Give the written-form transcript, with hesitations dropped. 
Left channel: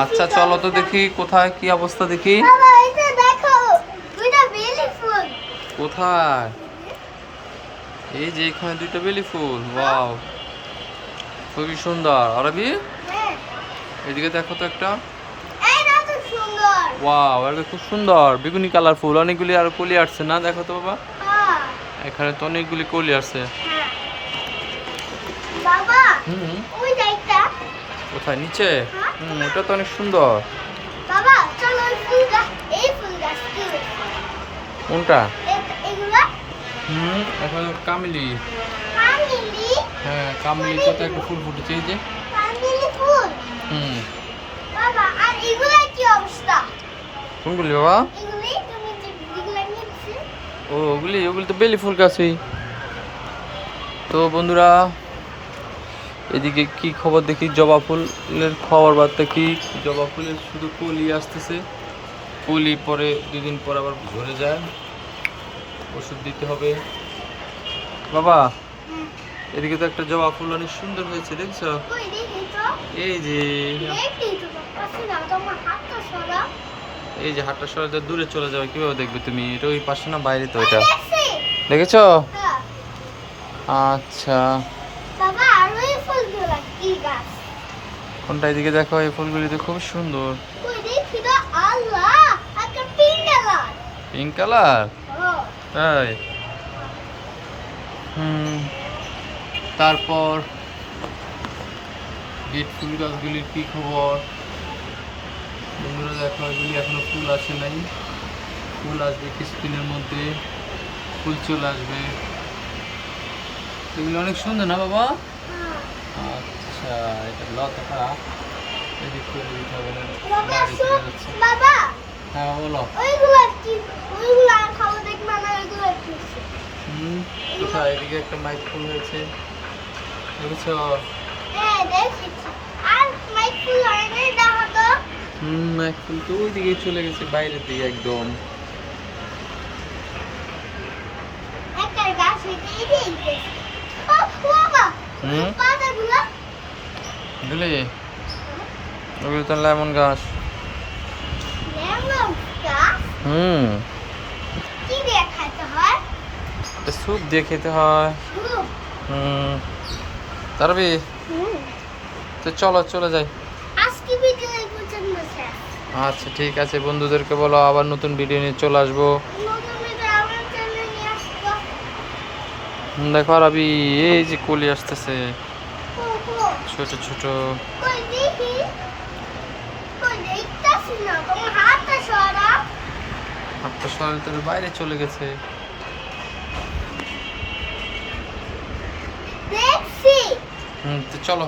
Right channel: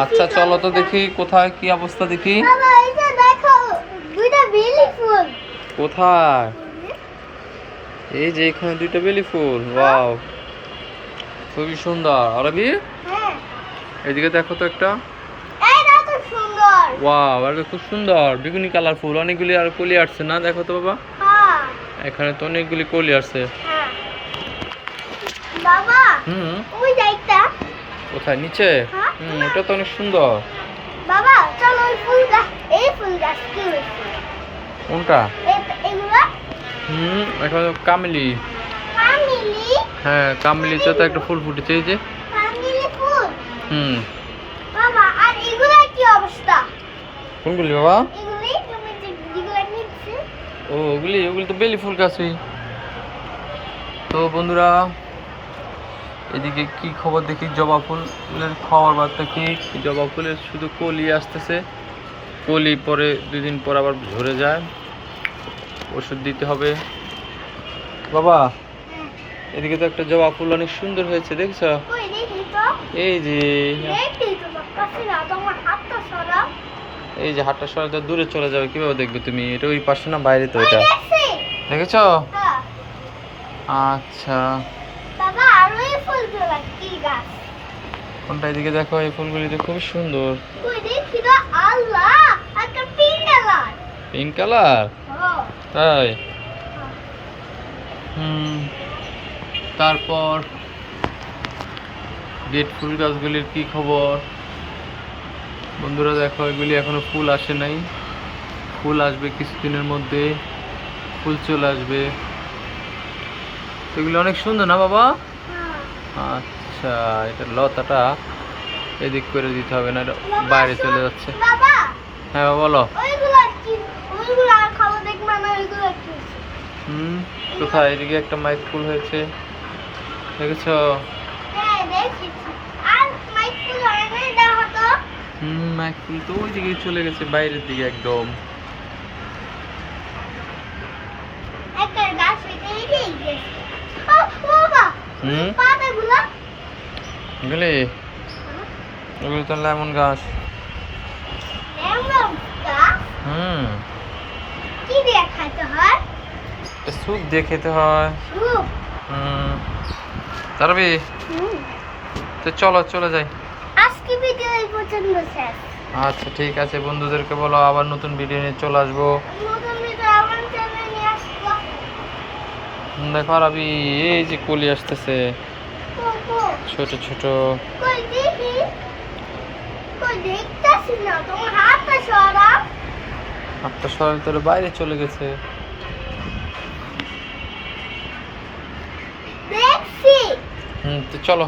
আচ্ছা চলো তো দেখি কোথায় কি অবস্থা দেখি। বাবা এটা দেখো দুইটা বেলি ফুল। কোথায়? এই যে এখানে দুইটা বেলি ফুল। ওয়াও, খুবই সুন্দর। আরবি হ্যাঁ এদিকে দেখো তো একটা। এইটা তো সুন্দর। ওয়াও, এটা খুব সুন্দর বেগুনি কালার ফুল। অনেকগুলি আর কলি আসছে না, দেখো তো বাবা। হ্যাঁ এখানে তো অনেকগুলি কলি আছে। হ্যাঁ বাবা হুম, ওই যাইতা। কোথায়? নিচে? হ্যাঁ ওটা তো অনেক সুন্দর। বাবা চলো ওই ফুল গাছ, এই ফুল গাছ কি কোনটা? এগুলা এখানে কামিলি। কামিলি। হ্যাঁ, কামিলিতে তো একটা ফুল ফুটেছে এই যে। কামিলি ফুল। হুম, বাবা আর এগুলা কি অবস্থা? কোনগুলি বাবা? এগুলি তুমি যে এগুলা নিচ্ছি। ও ওগুলি ওগুলি তো বেলি ফুল গাছই। তো বন্ধুরা, এদিকে কি খবর দেখি। জবা ফুলের খবর বার্তা কি? জবা ফুলের শুধু কলি আসতেছে। কলি পরে 2 দিন পর আবার ঝরে যায়, ওষুধ দিতে হবে। বাবা এদিকে তো একটা জবা ফুল অনেক সুন্দর হয়েছে, দেখছো? কই দেখি তো। এই যে, দেখি তোমার কাছে না তোমার হাতটা সরাও। এই যে হাটটা সরাতে দূরে চলে যাবে, কিভাবে দেখবে তুমি? এটা ওই পাশে না, বাইরে তো ওই এটা। দেখছি। দেখেছো? হ্যাঁ আচ্ছা, বাবা আর ওই ফুলগুলা কি গাছ? কোনটা? এদিকে দেখো, এই ফুলগুলি তো খুব সুন্দর। কই দেখি তো। আল্লাহ একটা পিঙ্ক কালার। Pink colour? ও তাই? তারপর বেড ফুল গাছগুলির কি খবর বন্ধুরা? দেখো, এগুলি এখনো ফুল আসে নাই। ফুল আসবে কিছুদিনের মধ্যে, ফুল চলে আসবে। এগুলি অনেক সুন্দর না বাবা? হ্যাঁ আচ্ছা, এটা লতাটা এদিক করে দিতে হবে, না এটা বাবা, বাইরে চলে যাচ্ছে। বাবা হ্যাঁ বাবা, বলো। ওইগুলা কি? ওইগুলা খাও দেখবা না ওইগুলা কি? কোথায়? এদিকে একটা মাইক ফুল হয়েছে, দেখেছো? হ্যাঁ দেখেছি। আর মাইক ফুল হয় না দেখা তো। মাইক ফুল তো ওই দিকে চলে গেছে, বাইরের দিকে একদম। একটা গাছ হইতে এইটাই গেছে। ও বাবা পাতাগুলা। বুঝলি, ওগুলো তো লেমন গাছ। লেমন গাছ কি দিয়ে খাইতে হয়? স্যুপ দিয়ে খেতে হয়। হুম তারবি হুম তো চলো চলে যাই। আজকে ভিডিও এই পর্যন্ত শেষ। আচ্ছা ঠিক আছে, বন্ধুদেরকে বলো আবার নতুন ভিডিও নিয়ে চলে আসবো। নতুন ভিডিও আমার চ্যানেলে নিয়ে আসবো। দেখো রাবি, এই যে কলি আসতেছে কো কো ছোট ছোট। কই দেখি। কই দেখতাছি না তোমার হাতটা সরাও। একটা সরাল তোর বাইরে চলে গেছে। দেখছি। তো চলো।